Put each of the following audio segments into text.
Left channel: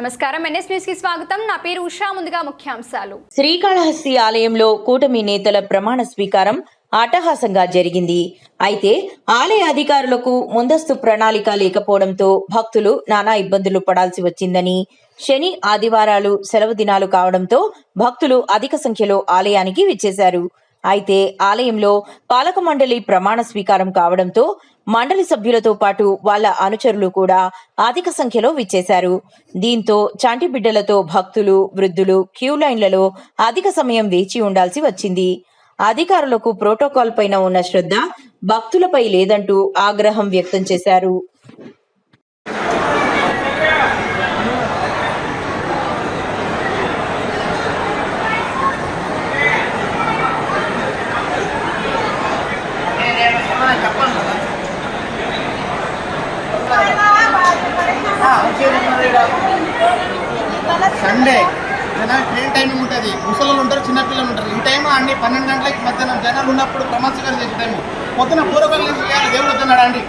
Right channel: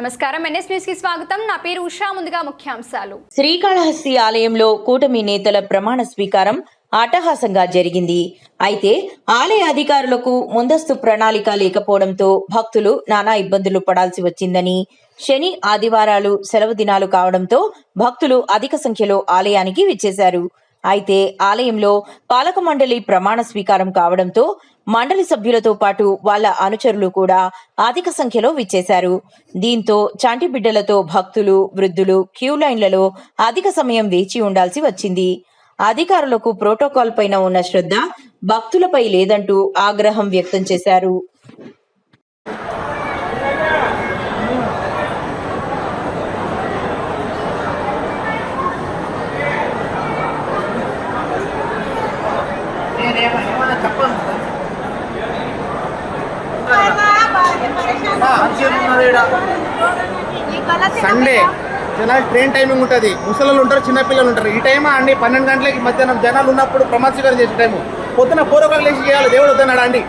నమస్కారం. ఎన్ఎస్ న్యూస్కి స్వాగతం. నా పేరు ఉషా. ముందుగా ముఖ్యాంశాలు. శ్రీకాళహస్తి ఆలయంలో కూటమి నేతల ప్రమాణ స్వీకారం అట్టహాసంగా జరిగింది. అయితే ఆలయ అధికారులకు ముందస్తు ప్రణాళిక లేకపోవడంతో భక్తులు నానా ఇబ్బందులు పడాల్సి వచ్చిందని శని ఆదివారాలు సెలవు దినాలు కావడంతో భక్తులు అధిక సంఖ్యలో ఆలయానికి విచ్చేశారు. అయితే ఆలయంలో పాలక మండలి ప్రమాణ స్వీకారం కావడంతో మండలి సభ్యులతో పాటు వాళ్ళ అనుచరులు కూడా అధిక సంఖ్యలో విచ్చేశారు. దీంతో చంటి బిడ్డలతో భక్తులు వృద్ధులు క్యూ లైన్లలో అధిక సమయం వేచి ఉండాల్సి వచ్చింది. అధికారులకు ప్రోటోకాల్ పైన ఉన్న శ్రద్ధ భక్తులపై లేదంటూ ఆగ్రహం వ్యక్తం చేశారు. సండే. జనాలు ట్రైన్ టైమింగ్ ఉంటుంది. ముసలు ఉంటారు చిన్నపిల్లలు ఉంటారు. ఈ టైం అండి పన్నెండు గంటలకి మధ్యాహ్నం జనాలు ఉన్నప్పుడు ప్రమాద స్వీకారం చేసే టైము పొద్దున పూర్వకాలు లేచి చేయాలి. దేవుడు వద్దన్నాడు అండి?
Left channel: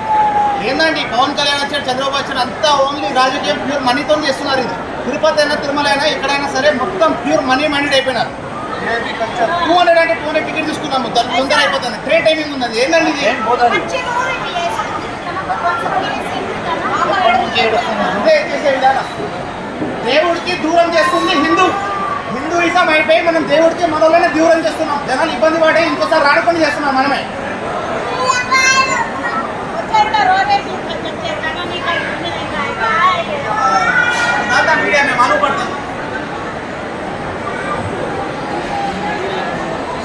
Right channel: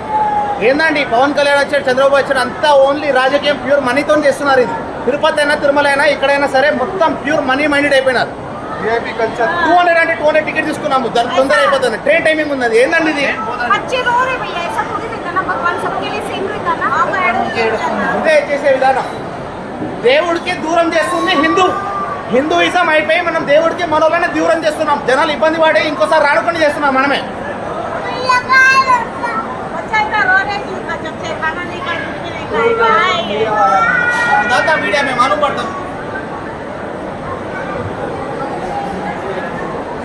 ఏందండి పవన్ కళ్యాణ్ వచ్చాడు చంద్రబాబు వచ్చాడు అంతా ఓన్లీ రాజకీయం ప్యూర్ మనీతో చేస్తున్నారు ఇది. తిరుపతి అయినా తిరుమల అయినా ఎక్కడైనా సరే మొత్తం ప్యూర్ మనీ మైండెడ్ అయిపోయినారు. టూ హండ్రెడ్ అంటే టూ హండ్రెడ్ టికెట్ తీసుకున్నాము. దాని తొందర అయిపోతుంది ట్రైన్ టైమింగ్ ఉన్నది. ఏందండి ఇది? చేసే విధానం. దేవుడికి దూరం చేస్తుంది హిందూ. హిందూయిజం అయిపోయి మనం దేవుడికి మనలోనే దూరం చేస్తున్నాం. జనాలు ఇబ్బంది పడే ఇంకోసారి రాడకుండా చేస్తున్నాం మనమే. మీడియా మేము అనుకుంటున్నాం.